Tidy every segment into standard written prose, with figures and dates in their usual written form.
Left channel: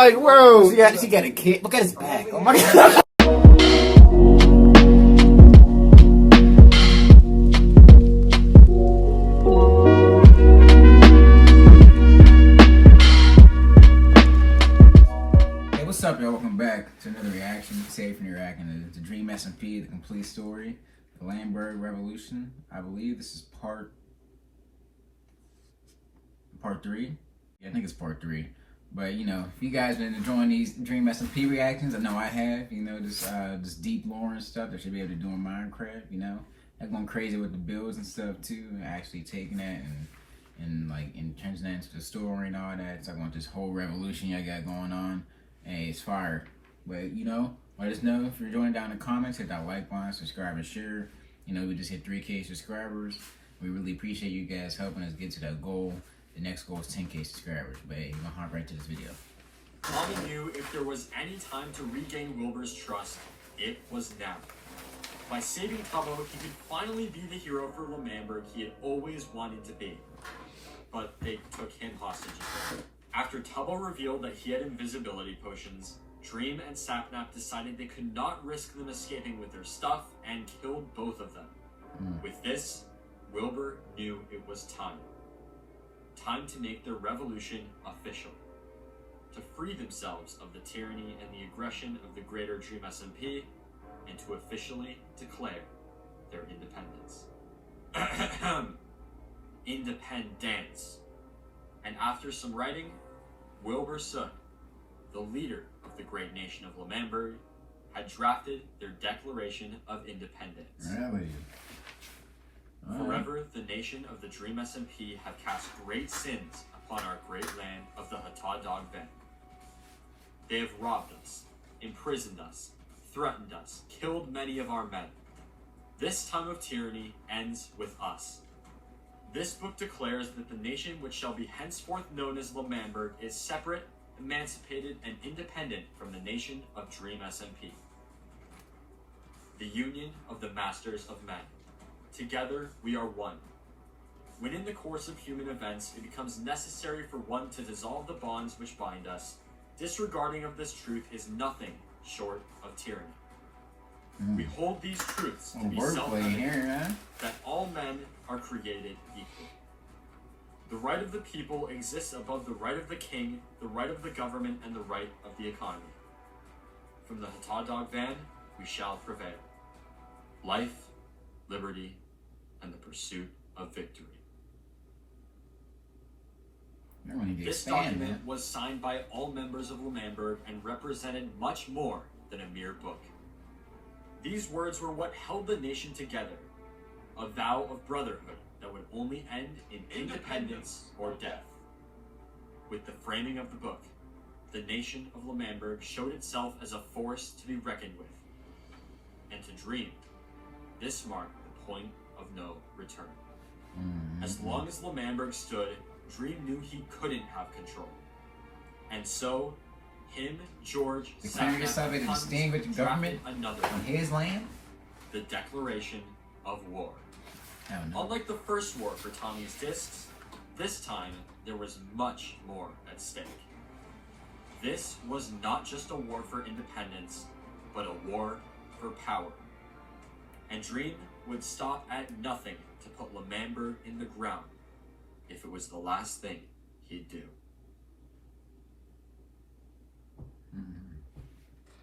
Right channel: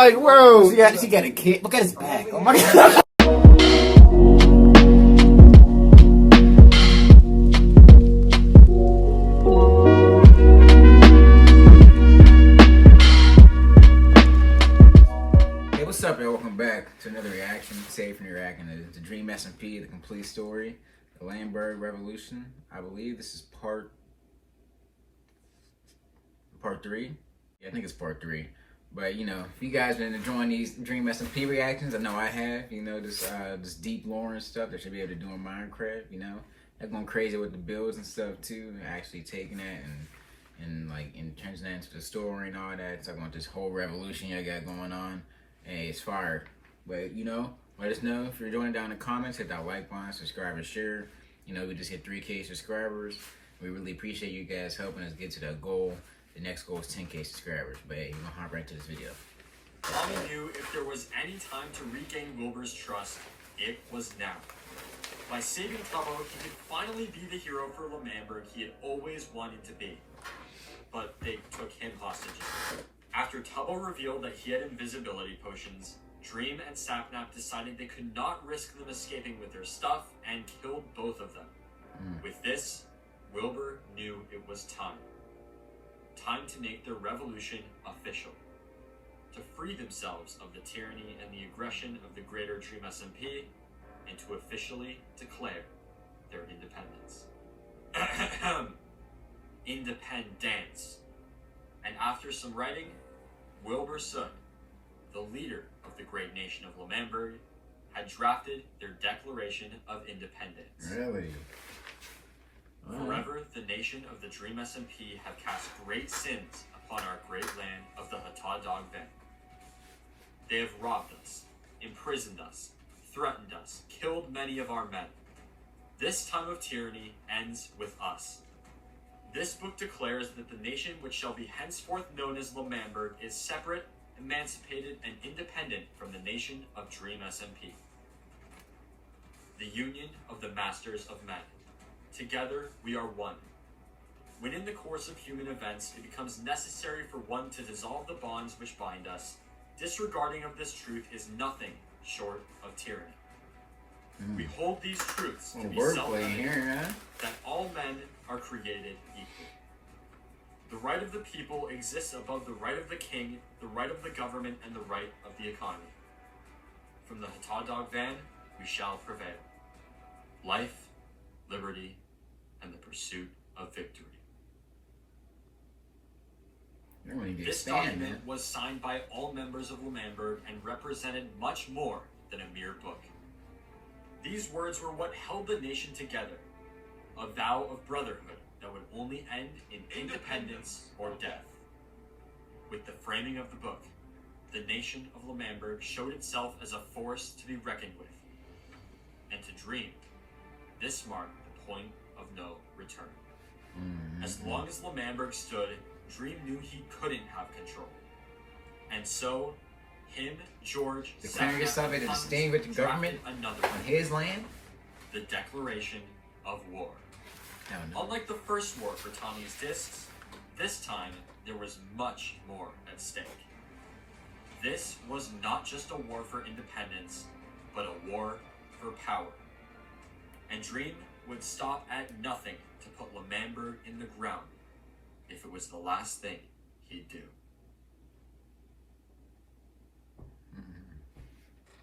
like, bro, yeah, she got a kid. Look at his back. Oh my god. Hey, what's up, y'all? Welcome back to another reaction. Safe and reacting to the Dream SMP, the complete story, the Lamberg Revolution. I believe this is part 3. Yeah, I think it's part 3. But you know, if you guys been enjoying these Dream SMP reactions, I know I have. You know, this deep lore and stuff that should be able to do in Minecraft. You know, they're going crazy with the builds and stuff too. Actually taking that and like turning that into the story and all that. So I want this whole revolution y'all got going on. Hey, it's fire. But you know, let us know if you're enjoying it down in the comments. Hit that like button, subscribe, and share. You know, we just hit 3K subscribers. We really appreciate you guys helping us get to that goal. The next goal is 10K subscribers. But hey, we're gonna hop right into this video. Tommy knew if there was any time to regain Wilbur's trust, it was now. By saving Tubbo, he could finally be the hero for Lamberg he had always wanted to be. But they took him hostage. After Tubbo revealed that he had invisibility potions, Dream and Sapnap decided they could not risk them escaping with their stuff and killed both of them. With this, Wilbur knew it was time. Time to make their revolution official. To free themselves of the tyranny and the aggression of the greater Dream SMP, and to officially declare their independence. Independence. And after some writing, Wilbur Soot, the leader of the great nation of Lamberg, had drafted their Declaration of Independence. Really? Forever, the nation of the Dream SMP have cast great sins upon our great land of the Hatad Dog Van. They have robbed us, imprisoned us, threatened us, killed many of our men. This time of tyranny ends with us. This book declares that the nation which shall be henceforth known as Lamberg is separate, emancipated, and independent from the nation of Dream SMP. The union of the masters of men. Together, we are one. When in the course of human events, it becomes necessary for one to dissolve the bonds which bind us, disregarding of this truth is nothing short of tyranny. We hold these truths to be self-evident, that all men are created equal. The right of the people exists above the right of the king, the right of the government, and the right of the economy. From the Hatad Dog Van, we shall prevail. Life, liberty, and the pursuit of victory. This document was signed by all members of Lamberg and represented much more than a mere book. These words were what held the nation together, a vow of brotherhood that would only end in independence or death. With the framing of the book, the nation of Lamberg showed itself as a force to be reckoned with. And to Dream, this marked the point of no return. As long as Lamberg stood, Dream knew he couldn't have control. And so, him, George, declaring yourself to stay with the government on his land? The Declaration of War. Unlike the first war for Tommy's discs, this time there was much more at stake. This was not just a war for independence, but a war for power. And Dream would stop at nothing to put Lamberg in the ground if it was the last thing he'd do.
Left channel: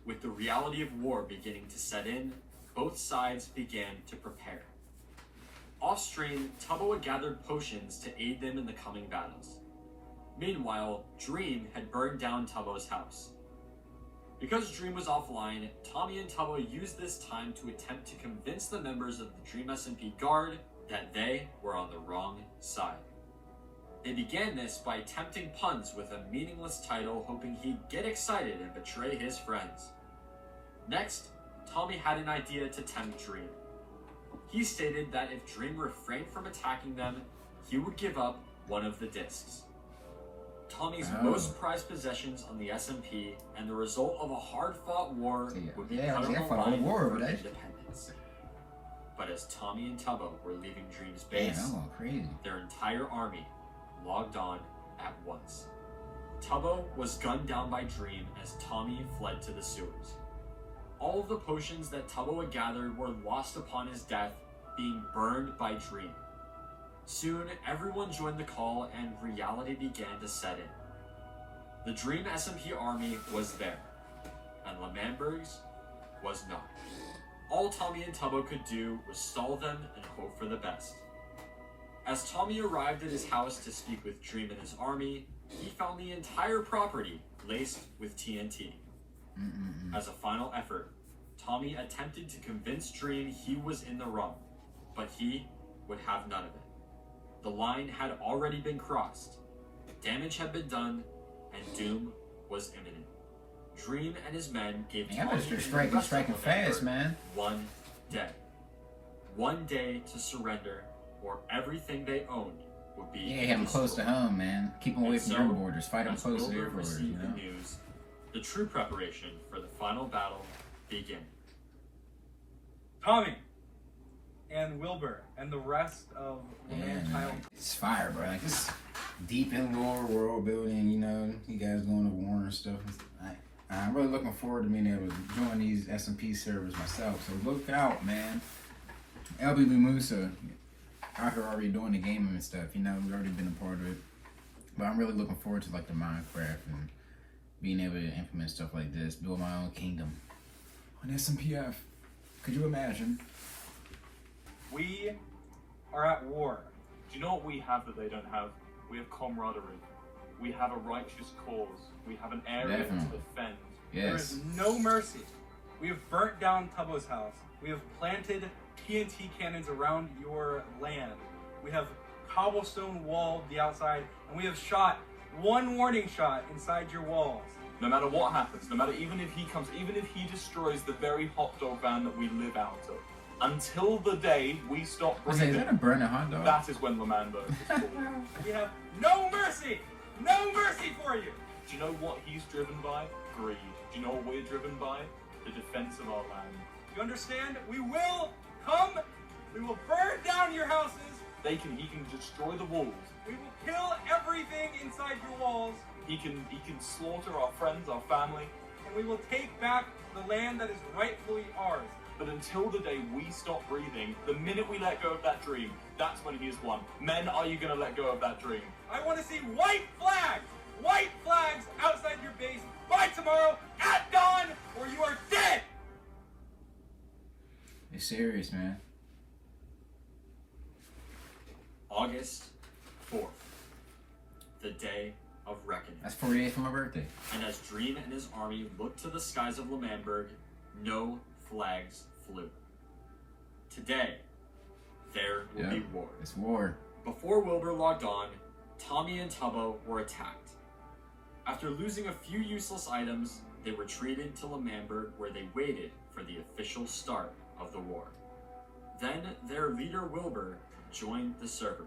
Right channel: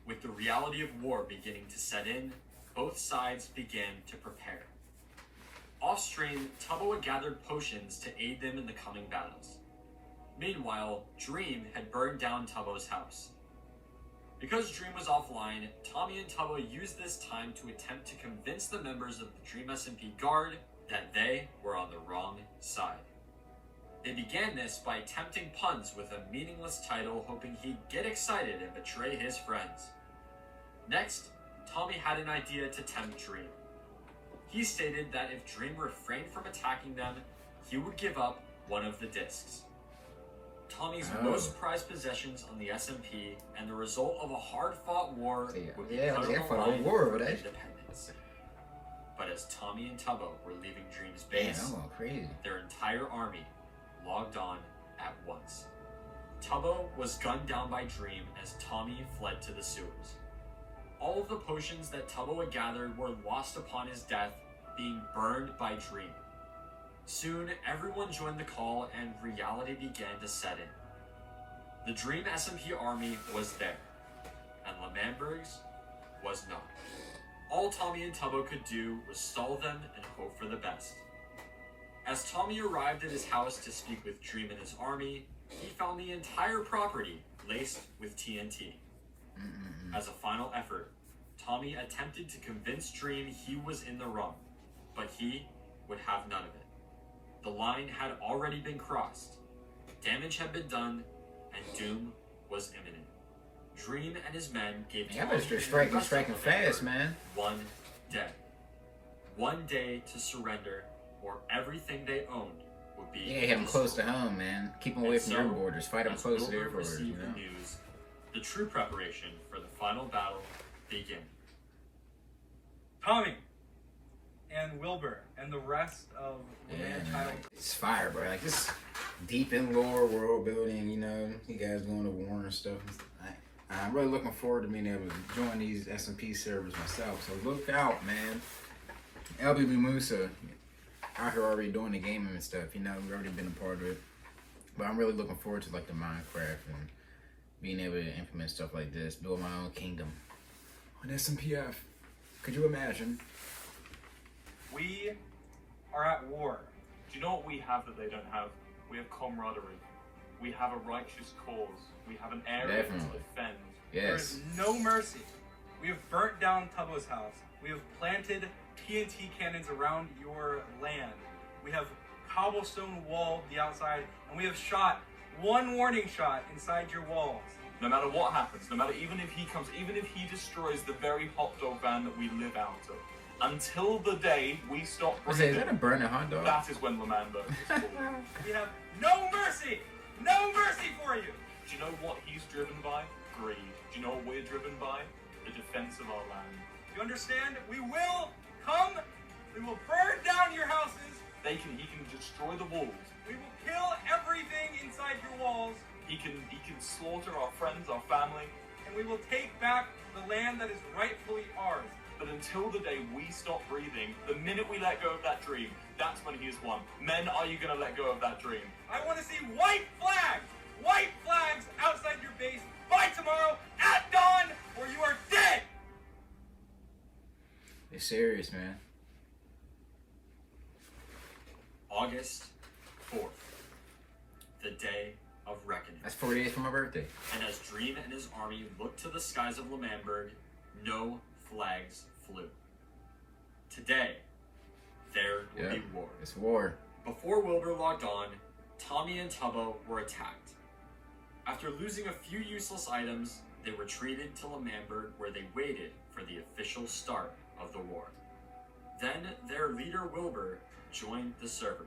With the reality of war beginning to set in, both sides began to prepare. Off-stream, Tubbo had gathered potions to aid them in the coming battles. Meanwhile, Dream had burned down Tubbo's house. Because Dream was offline, Tommy and Tubbo used this time to attempt to convince the members of the Dream SMP Guard that they were on the wrong side. They began this by attempting puns with a meaningless title, hoping he'd get excited and betray his friends. Next, Tommy had an idea to tempt Dream. He stated that if Dream refrained from attacking them, he would give up one of the discs. Tommy's most prized possessions on the SMP, and the result of a hard-fought war would be cut on the line for independence. But as Tommy and Tubbo were leaving Dream's base, their entire army logged on at once. Tubbo was gunned down by Dream as Tommy fled to the sewers. All of the potions that Tubbo had gathered were lost upon his death, being burned by Dream. Soon, everyone joined the call and reality began to set in. The Dream SMP army was there, and L'Manberg's was not. All Tommy and Tubbo could do was stall them and hope for the best. As Tommy arrived at his house to speak with Dream and his army, he found the entire property laced with TNT. As a final effort, Tommy attempted to convince Dream he was in the wrong, but he would have none of it. The line had already been crossed, damage had been done, and doom was imminent. Dream and his men gave Yeah, but you're striking fast, man. 1 day. 1 day to surrender, or everything they owned would be Yeah, have them close to home, man. Keep them away from your borders. Fight them close to their borders. You know? The news, the true preparation for the final battle began. Tommy and Wilbur and the rest of the man-child. It's fire, bro. Like, it's deep in lore, world building, you know. You guys going to war and stuff. I'm really looking forward to being able to join these SMP servers myself. So look out, man. LBB Musa out here already doing the gaming and stuff. You know, we've already been a part of it. But I'm really looking forward to, like, the Minecraft and being able to implement stuff like this. Build my own kingdom on SMPF. Could you imagine? We are at war. Do you know what we have that they don't have? We have camaraderie. We have a righteous cause. We have an area to defend. There Yes. is no mercy. We have burnt down Tubbo's house. We have planted TNT cannons around your land. We have cobblestone walled the outside, and we have shot one warning shot inside your walls. No matter what happens, no matter even if he comes, even if he destroys the very hot dog van that we live out of, until the day we stop Is breathing, that a burning hot dog? that is when L'Manberg is born. We have no mercy! No mercy for you! Do you know what he's driven by? Greed. Do you know what we're driven by? The defense of our land. You understand? We will come. We will burn down your houses. He can destroy the walls. We will kill everything inside your walls. He can slaughter our friends, our family. And we will take back the land that is rightfully ours. But until the day we stop breathing, the minute we let go of that dream, that's when he is won. Men, are you going to let go of that dream? I want to see white flags! White flags outside your base by tomorrow at dawn, or you are dead! It's serious, man. August 4th, the day of reckoning. That's 40 days from my birthday. And as Dream and his army looked to the skies of L'Manberg, no flags flew. Today, there will be war. It's war. Before Wilbur logged on, Tommy and Tubbo were attacked. After losing a few useless items, they retreated to L'Manberg, where they waited for the official start of the war. Then their leader Wilbur joined the server.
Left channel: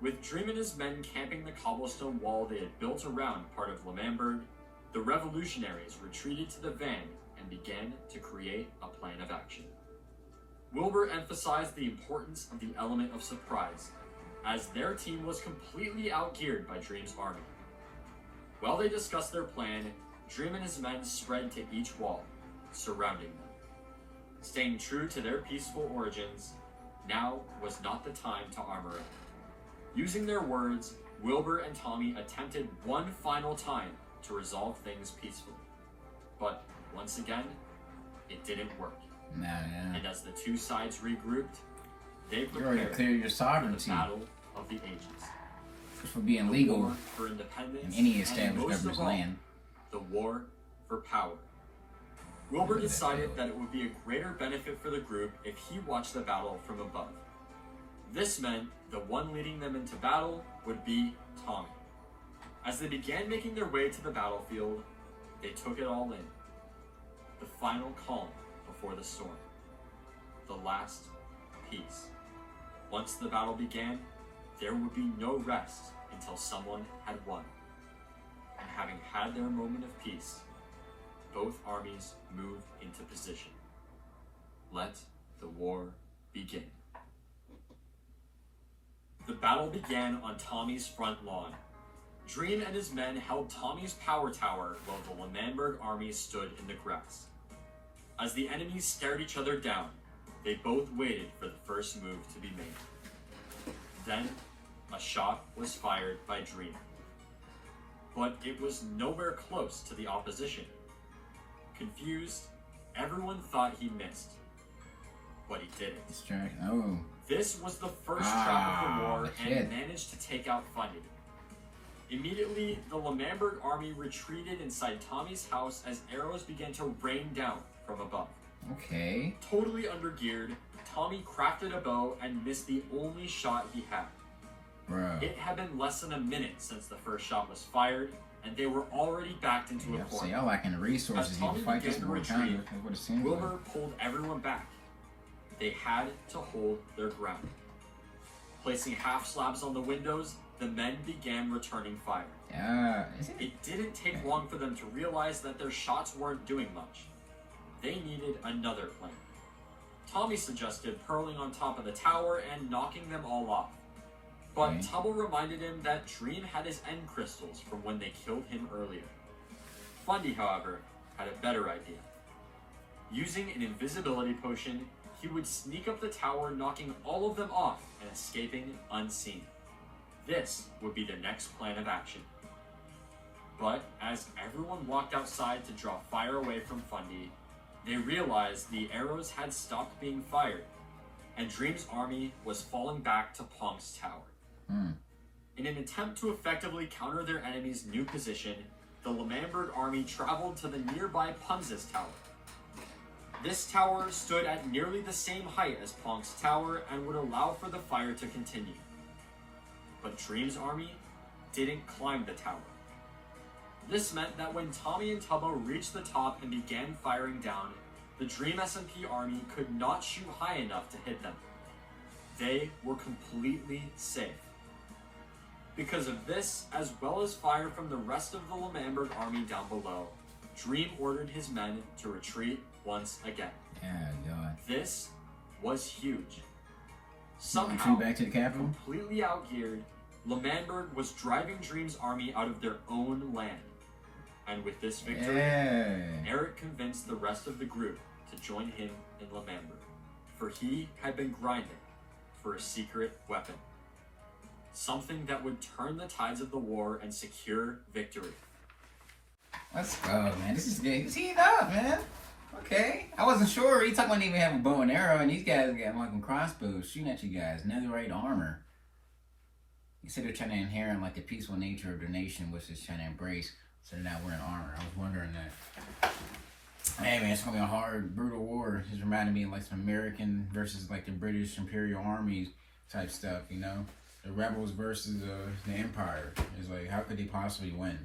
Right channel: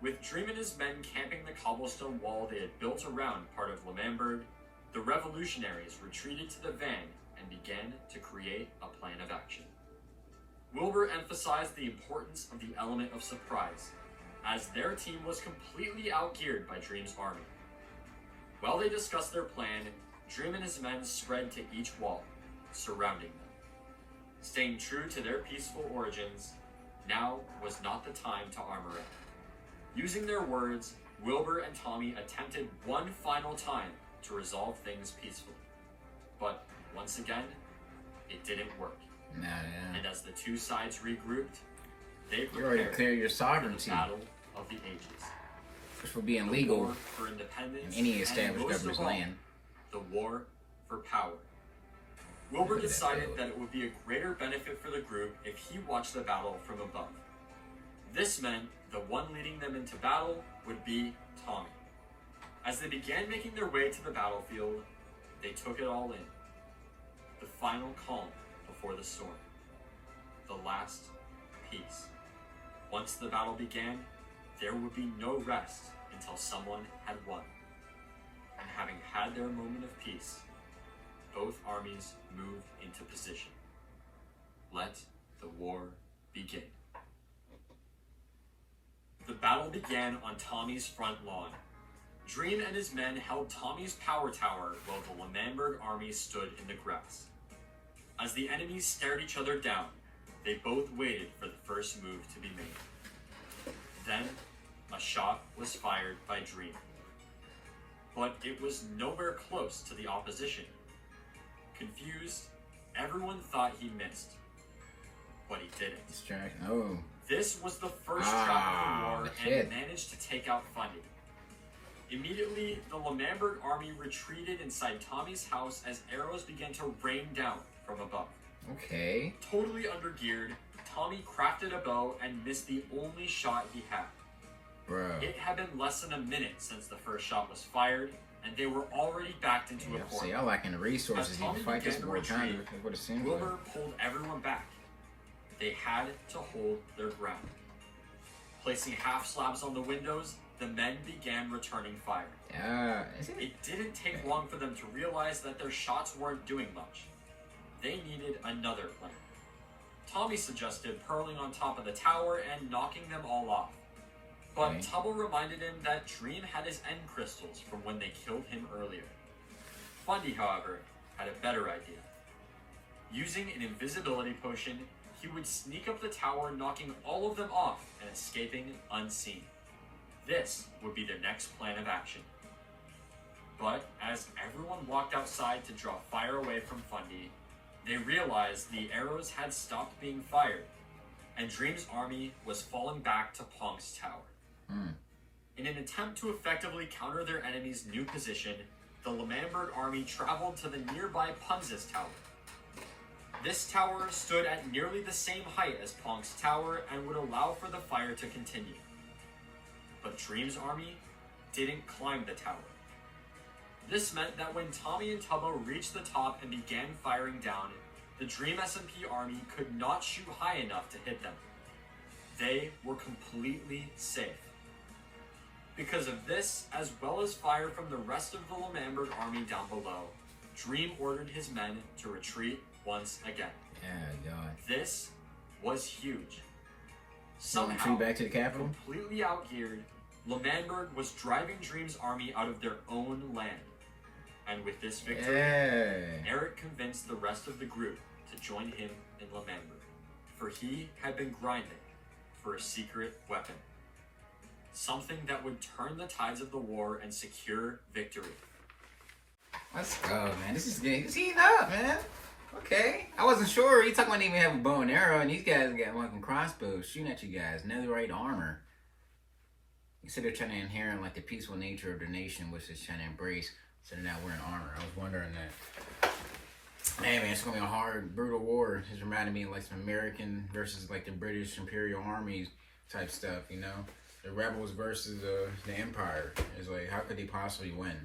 With Dream and his men camping the cobblestone wall they had built around part of L'Manberg, the revolutionaries retreated to the van and began to create a plan of action. Wilbur emphasized the importance of the element of surprise, as their team was completely outgeared by Dream's army. While they discussed their plan, Dream and his men spread to each wall, surrounding them. Staying true to their peaceful origins, now was not the time to armor up. Using their words, Wilbur and Tommy attempted one final time to resolve things peacefully. But once again, it didn't work. And as the two sides regrouped, they You already prepared cleared your for the sovereignty, Battle of the Ages. which for being The legal war for independence in any and established most governor's of all, land. the war for power. Wilbur decided that it would be a greater benefit for the group if he watched the battle from above. This meant the one leading them into battle would be Tommy. As they began making their way to the battlefield, they took it all in. The final calm before the storm. The last peace. Once the battle began, there would be no rest until someone had won. And having had their moment of peace, both armies moved into position. Let the war begin. The battle began on Tommy's front lawn. Dream and his men held Tommy's power tower while the L'Manberg army stood in the grass. As the enemies stared each other down, they both waited for the first move to be made. Then, a shot was fired by Dream. But it was nowhere close to the opposition. Confused, everyone thought he missed. But he didn't. Oh. This was the first trap of the war, and shit. it managed to take out Fundy. Immediately, the L'Manberg army retreated inside Tommy's house as arrows began to rain down from above. Okay. Totally undergeared, Tommy crafted a bow and missed the only shot he had. Bro. It had been less than a minute since the first shot was fired, and they were already backed into a corner. See, y'all lacking the resources. As You Tommy can fight this began to war retreat, kind of what it seems like. Wilbur pulled everyone back. They had to hold their ground. Placing half slabs on the windows, the men began returning fire. Yeah. Is it? It didn't take long for them to realize that their shots weren't doing much. They needed another plan. Tommy suggested purling on top of the tower and knocking them all off. But Okay. Tubble reminded him that Dream had his end crystals from when they killed him earlier. Fundy, however, had a better idea. Using an invisibility potion, he would sneak up the tower, knocking all of them off and escaping unseen. This would be the next plan of action. But as everyone walked outside to draw fire away from Fundy, they realized the arrows had stopped being fired, and Dream's army was falling back to Punk's tower. In an attempt to effectively counter their enemy's new position, the L'Manberg army traveled to the nearby Punz's tower. This tower stood at nearly the same height as Punk's tower and would allow for the fire to continue. But Dream's army didn't climb the tower. This meant that when Tommy and Tubbo reached the top and began firing down, the Dream SMP army could not shoot high enough to hit them. They were completely safe. Because of this, as well as fire from the rest of the L'Manberg army down below, Dream ordered his men to retreat once again. Yeah, God. This was huge. Somehow Somehow, back to the capital. completely outgeared, L'Manberg was driving Dream's army out of their own land. And with this victory, Yeah. Eric convinced the rest of the group to join him in L'Manberg, for he had been grinding for a secret weapon. Something that would turn the tides of the war and secure victory. Let's go, man. This is good. He's heating up, man. Okay. I wasn't sure. He talking about even have a bow and arrow, and these guys got fucking crossbows shooting at you guys. Netherite armor. You said they're trying to inherit like the peaceful nature of the nation, which is trying to embrace. So they're not wearing armor. I was wondering that. Hey man, it's gonna be a hard, brutal war. It's reminding me of like some American versus like the British Imperial armies type stuff, you know? The rebels versus the Empire. It's like, how could they possibly win?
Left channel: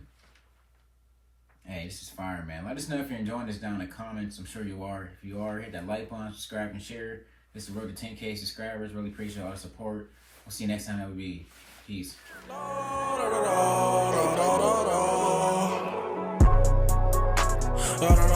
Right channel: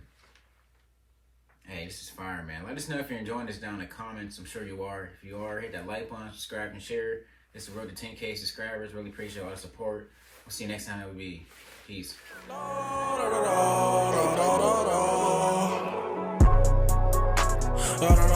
Hey, this is fire, man. Let us know if you're enjoying this down in the comments. I'm sure you are. If you are, hit that like button, subscribe, and share. This is the road to 10K subscribers. Really appreciate all the support. We'll see you next time. It will be peace. Da, da,